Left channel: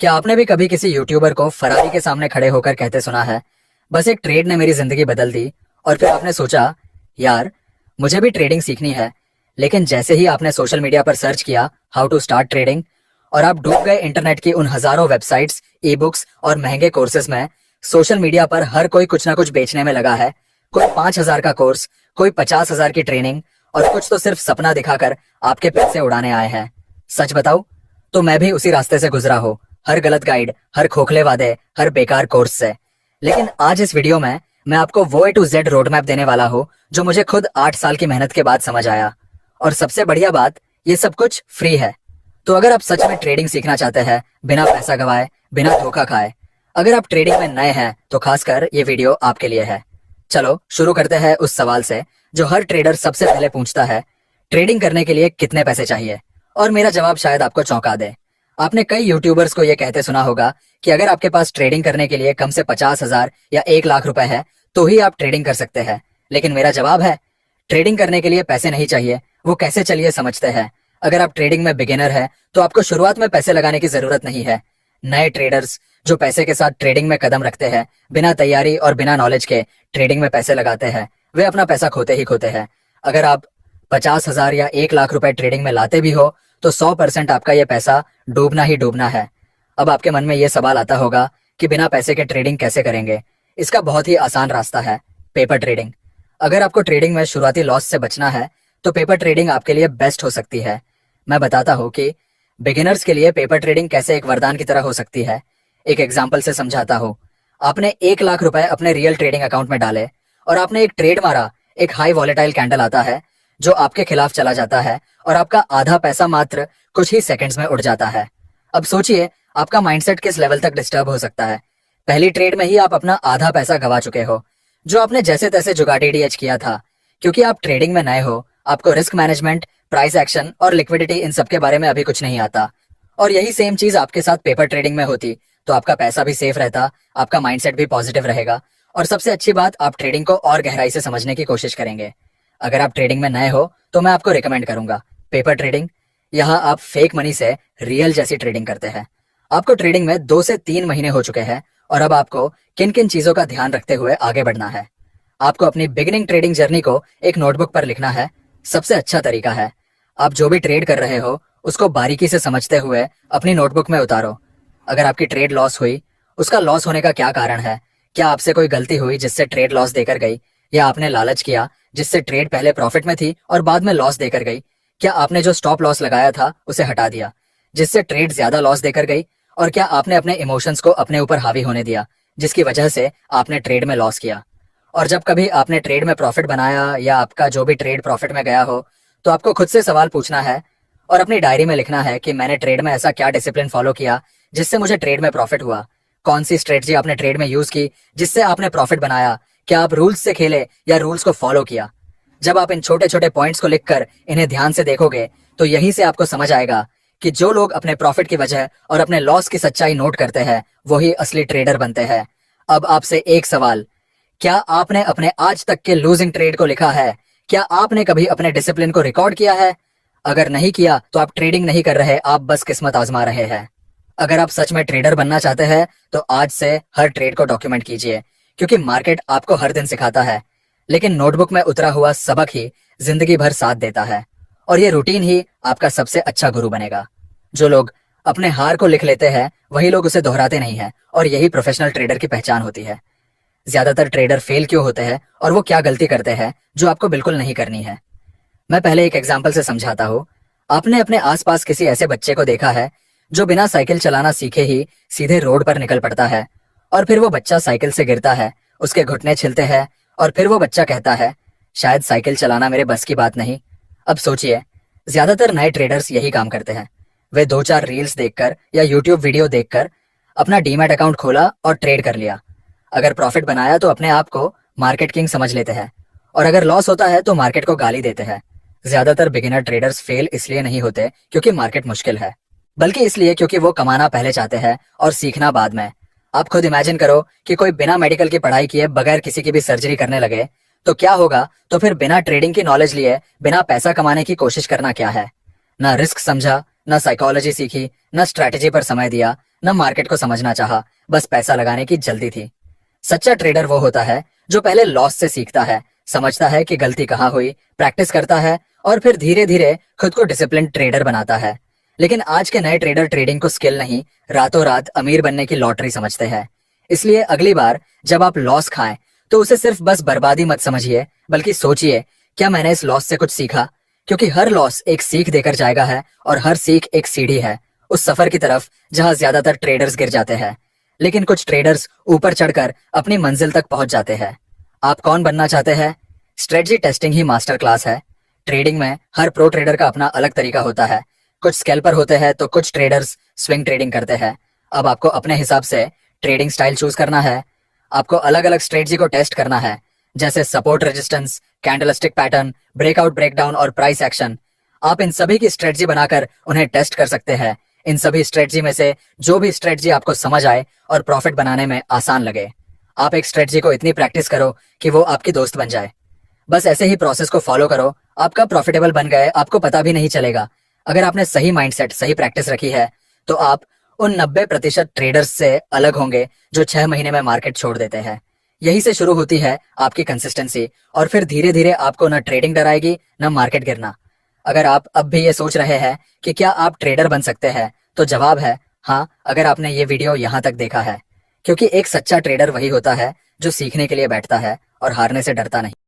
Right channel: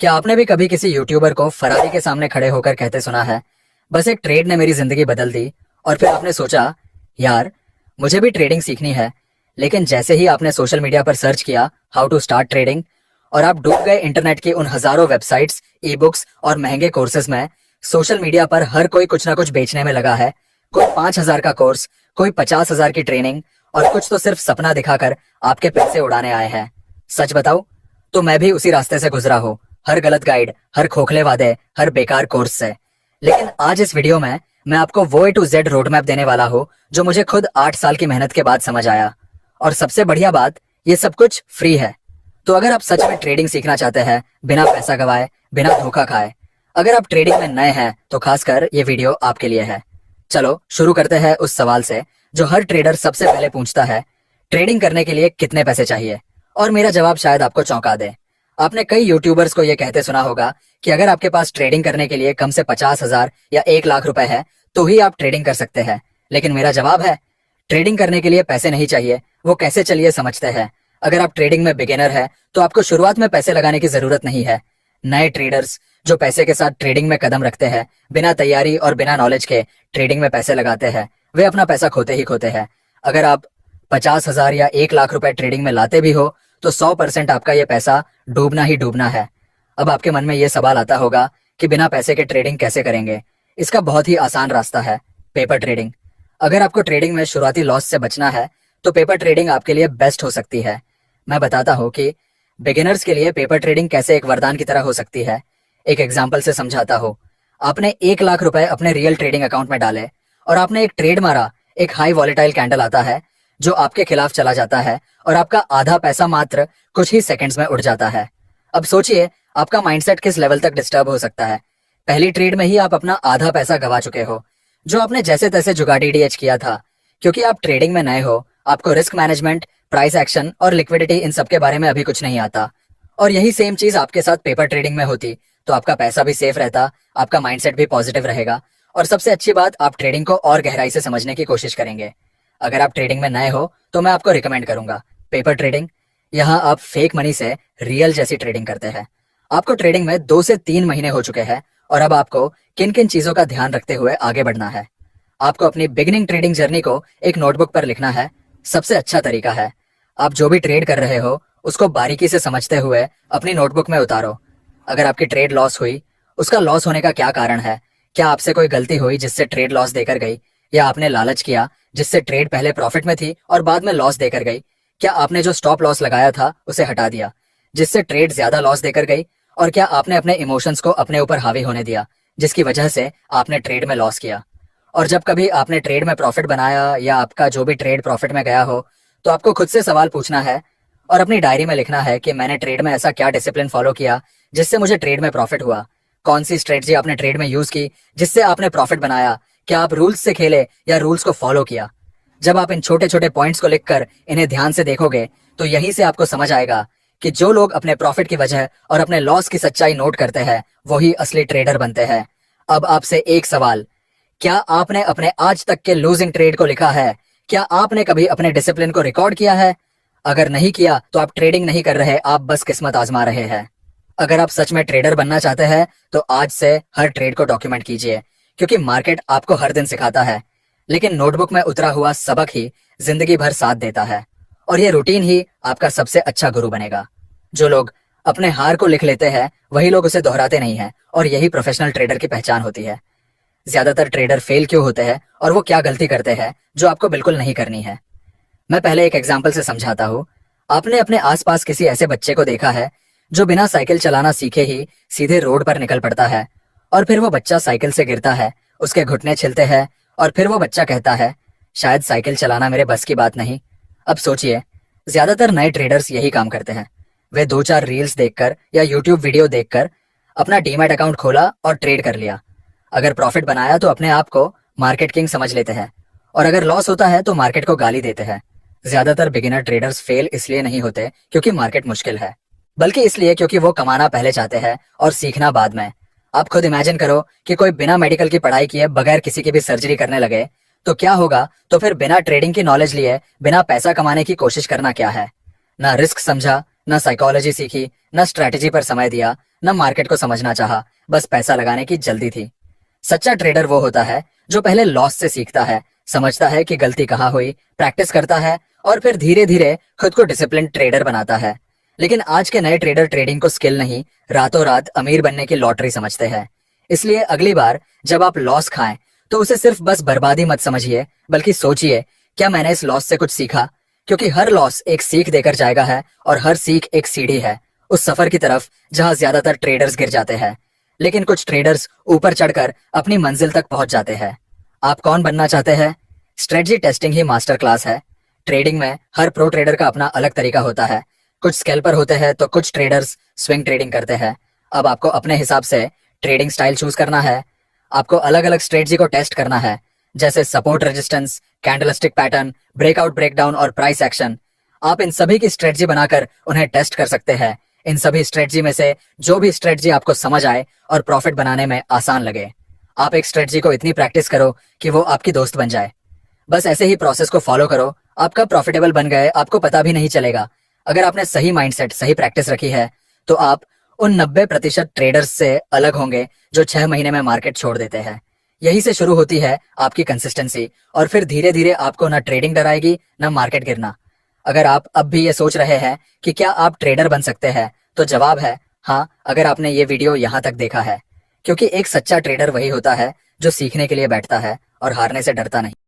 क्या आपने भी कभी किसी यूट्यूबर को फरारी के सामने खड़े होकर कहते सुना है, बस एक ट्रेड ने मेरी जिंदगी बदल दी। और फिर आपने सोचा, यार मुझे भी ट्रेडिंग सीखनी है। लेकिन जैसे ही आपने सोशल मीडिया पर सर्च किया हाउ टू स्टार्ट ट्रेडिंग, और आप डूब गए इंटरनेट की उन हजारों वेबसाइट्स, ई बुक्स और महंगे कोर्सेज में। सोशल मीडिया पर हर कोई कुछ ना कुछ बेचने में लगा है। कोई 5,000 का कोर्स, कोई 50,000 की ट्रेनिंग, और कुछ तो सिर्फ सपना दिखाकर आपके पैसे उड़ाने आए हैं। सच बताऊं तो मैं भी उसी रास्ते से गुजरा हूँ। हर गलत गाइड, हर खोखले वादे, हर बेकार कोर्स से। लेकिन आज इस वीडियो में मैं आपको वो ए टू जेड रोड मैप देने वाला हूँ जो मुझे खुद 8 साल की मेहनत के बाद समझ आया। और सबसे बढ़िया बात, ये सब कुछ फ्री है। तो अगर आप सच में ट्रेडिंग सीखना चाहते हैं बिना पैसा गवाए, बिना धोखा खाए, अगर आप ट्रेडिंग में नए हैं तो खासकर ये वीडियो आपके लिए है। चलो शुरू करते हैं उस सवाल से जो हर ट्रेडर सबसे पहले पूछता है, ट्रेडिंग करने के लिए कितने पैसे चाहिए। और मेरा जवाब शायद आपको चौंका दे। आपने कई यूट्यूबर्स को यह कहते सुना होगा कि अगर आपके पास ट्रेडिंग करने के लिए कम से 50,000 या 1 लाख रुपए है तो ही आप ट्रेडिंग कर सकते हैं। लेकिन मेरा जवाब है, ट्रेडिंग करने के लिए पैसे नहीं चाहिए। वो कैसे, चलिए समझते हैं। अगर आप ट्रेडिंग में बिगिनर है तो आपको शुरुआत में पैसे लगाने की जरूरत नहीं है। नए ट्रेडर्स जो पैसे के साथ ट्रेडिंग में कदम रखते हैं, बिना तैयारी और बिना नॉलेज के ट्रेडिंग में पैसे लगाते हैं, वे अपना पैसा खोते ही खोते हैं। अगर आप 50,000 या 1 लाख रुपए ट्रेडिंग में लाते भी हो तो 100% आपका ये पैसा डूबना ही डूबना है। अब आपके मन में ये सवाल आता होगा कि बिना पैसे के ट्रेडिंग कैसे करेंगे। इसका बहुत ही आसान रास्ता है, पेपर ट्रेडिंग। अगर आपको ट्रेडिंग में शुरुआती लॉस से बचना है तो पेपर ट्रेडिंग आपके लिए बेस्ट हो सकती है। मैं बताता हूँ कि बिगिनर्स के लिए पेपर ट्रेडिंग कैसे एक वरदान की तरह हो सकती है। एक एग्जाम्पल से समझाता हूँ। आपने 1 लाख रुपए अपने रियल ट्रेडिंग अकाउंट में डाले और आपने एक ट्रेड मारा। एक हाई वॉलेटाइल कैंडल आता है जो आपके खिलाफ चला जाता है और आपका आधा पैसा मात्र कुछ ही सेकंड्स में उड़ जाता है। अब सोचिए आपका माइंडसेट किस लेवल तक डिस्टर्ब हो सकता है। पहली ट्रेड में ही आप अपना आधा पैसा गवा चुके हो जो आपने जैसे तैसे जुगाड़ी डीएच किया था। क्योंकि आप ट्रेडिंग में नए हो, आपको रिस्क मैनेजमेंट, प्राइस एक्शन और लिक्विडिटी इन सब के बारे में अभी कुछ नहीं आता। और यही सेम चीज आपके साथ पेपर ट्रेडिंग में होती तो आपका पैसा भी सेफ रहता, आपका माइंडसेट भी पॉजिटिव रहेगा, और सबसे अच्छी बात, आप ट्रेडिंग को और गहराई से समझने की कोशिश करेंगे। अगर आप ट्रेडिंग में नए हो तो मैं आपको रिकमेंड करूंगा पेपर ट्रेडिंग। यहाँ आप फेक मनी से रियल जैसी ट्रेडिंग करते हैं। आपको ट्रेडिंग में 2 से 3 महीने हो चुके हैं और अब आपको किन किन चीजों का ध्यान रखते हुए आगे बढ़ना है। आपको अपनी बिगिनिंग ट्रेडिंग जर्नी को एक नोटबुक पर लिखना है। सबसे अच्छा तरीका है, आप जो भी ट्रेड कर रहे हो उसको बारीकी से समझते हुए अपनी नोटबुक में उतारो। अगर आपकी ट्रेड लॉस हुई, उसका लॉस होने का क्या कारण है। क्या आपसे कोई गलती हुई जिससे ट्रेड लॉस देकर गई, या आपने लालच किया जिससे ट्रेड पहले प्रॉफिट में थी और बाद में लॉस देकर गई। क्या आपने जो स्टॉप लॉस लगाया था उसे हटा दिया जिससे ट्रेड ज्यादा लॉस देकर गई, और क्या आपने अपने इमोशंस को अपने ऊपर हावी होने दिया जिसकी वजह से आपने ट्रेड में लॉस किया। और जब कभी आपने ट्रेड में प्रॉफिट बनाया या आपका जो भी ट्रेड प्रॉफिट में गया हो तो आपको खुद से सवाल पूछना है और अपनी डायरी में लिखना है कि मैंने ट्रेड में ऐसा क्या डिसिप्लिन फॉलो किया जिससे मुझे ट्रेड में प्रॉफिट हुआ। कौन सी स्ट्रेटजी आपने ट्रेड में यूज की जिससे आपने प्रॉफिट बनाया। क्या आप रूल्स से खेले या रूल्स को फॉलो किया। जब आप इन छोटे छोटे पॉइंट्स को लिखकर इन्हें ध्यान से देखोगे तो यहीं से आपको समझ आएगा कि जो लोग अपने प्रॉफिट की वजह और अपने लॉस की सच्चाई नोट करते हैं वही असली ट्रेडर बनते हैं। अब आपसे एक सवाल, क्या आपने अपने आज तक के लूजिंग ट्रेड को लिखा है। क्या आपने कभी अपने डिसिप्लिन को रिकॉर्ड किया है। अगर नहीं किया तो आप ट्रेडिंग नहीं कर रहे, आप बस किस्मत आजमा रहे हैं। अगर आप सच में ट्रेडर बनना चाहते हैं तो आज से हर ट्रेड को डॉक्यूमेंट कीजिए, क्योंकि मार्केट आपको हर दिन सिखाता है, लेकिन नोटबुक में उतरा हुआ सबक ही जिंदगी भर साथ देता है। और ये रूटीन ही आपका सबसे अच्छा गुरु बनेगा। जो लोग अपने हार को लिख लेते हैं वही लोग उसे दोहराते नहीं हैं, और यही प्रोफेशनल ट्रेडर की पहचान होती है। ज्यादातर ट्रेडर फेल क्यों होते हैं और वो क्या गलती करते हैं जो आपको बिल्कुल नहीं करनी है। मैं पहले एक एग्जाम्पल से समझाता हूँ। आपने अपने आसपास किसी ऐसे बच्चे को देखा है जो बिना साइकिल चलाना सीखे ही सीधे रोड पर निकल पड़ता है, और फिर वो बच्चा साइकिल से गिरता है, उसके घुटने छिलते हैं, और फिर वो बच्चा कहता है, शायद साइकिल चलाना मेरे बस की बात नहीं। अब सोचिए, ज्यादातर नए ट्रेडर्स यही काम करते हैं। वे 2-4 रील्स देखकर या यूट्यूब वीडियो देखकर अपना डीमैट अकाउंट खोला और ट्रेड कर लिया। अगर प्रॉफिट बनाया तो अपने आप को मार्केट किंग समझ लेते हैं, और अगर लॉस होता है तो मार्केट को गाली देते हैं। ज्यादातर बिगिनर ट्रेडर्स फेल इसलिए नहीं होते क्योंकि मार्केट मुश्किल है, बल्कि इसलिए क्योंकि वो कमाना पहले चाहते हैं और सीखना बाद में। आप खुद इमेजिन करो कि कोई बिना मेडिकल की पढ़ाई किए बगैर किसी की भी सर्जरी करने लगे तो क्या होगा। तो फिर बिना ट्रेडिंग की नॉलेज लिए बिना पैसा कमाने की कोशिश करना क्या है। ना रिस्क समझा, ना साइकोलॉजी सीखी, ना स्ट्रैटेजी पर समय दिया, न मार्केट को समझना चाहा, बस पैसा लगाने की जल्दी थी। सच्चा ट्रेडर वो होता है जो पहले लॉस से सीखता है, समझता है कि गलती कहाँ हुई, प्रैक्टिस करता है और फिर धीरे धीरे खुद को डिसिप्लिन ट्रेडर बनाता है। लेकिन आज के नए ट्रेडर ट्रेडिंग को स्किल नहीं, रातों रात अमीर बनने की लॉटरी समझते हैं। इसलिए अगली बार जब आप लॉस खाएं तो उसे सिर्फ बस बर्बादी मत समझिए, बल्कि सोचिए क्या मैंने इस लॉस से कुछ सीखा। क्योंकि हर लॉस एक सीख देकर जाएगा है और हर सीख एक सीढ़ी है उस सफर की तरफ जहां ज्यादातर ट्रेडर्स गिर जाते हैं, लेकिन कुछ ट्रेडर्स ऊपर चढ़कर अपनी मंजिल तक पहुंच जाते हैं। आप कौन बनना चाहते हैं? स्ट्रेटजी टेस्टिंग ही मास्टर क्लास है। ट्रेडिंग में हर प्रो ट्रेडर का अपना अलग तरीका होता है। कुछ स्कैल्पर होते हैं तो कुछ ट्रेडर्स स्विंग ट्रेडिंग करते हैं। अब आपको अपने हिसाब से ट्रेडिंग स्टाइल चूज करना है। आपको अलग अलग स्ट्रेटजी को टेस्ट करना है, जैसे support resistance, candlestick pattern, breakout breakdown और प्राइस एक्शन। आप इन सभी की स्ट्रेटजी बनाकर उन्हें टेस्ट कर सकते हैं। इन सभी स्ट्रेटजी में से जो भी स्ट्रेटजी आपको समझ आए और प्रॉफिट बनाने में आसान लगे, आप एक स्ट्रेटजी को इतनी प्रैक्टिस करो कि वो आपकी दोस्त बन जाए। बस ऐसे ही प्रोसेस को फॉलो करो, आपका प्रॉफिटेबल बन गए, आपको पता भी नहीं चलेगा। अगर आपने सही माइंडसेट, सही प्रैक्टिस रखी है तो आप उन 90% ट्रेडर्स से अलग होंगे जो 6 महीने में मार्केट छोड़ देते हैं। यही से शुरू होती है आपकी कंसिस्टेंसी और फिर धीरे धीरे आपको न ट्रेडिंग डराएगी न मार्केट गिरना। अगर आप अब भी ये सोच रहे हैं कि क्या आप ट्रेडर बन सकते हैं, तो जवाब है हाँ, अगर आपने ये वीडियो यहाँ तक देखा है। क्योंकि एक सच्चा ट्रेडर वही होता है जो सीखने के लिए बैठता है और हारने से डरता नहीं।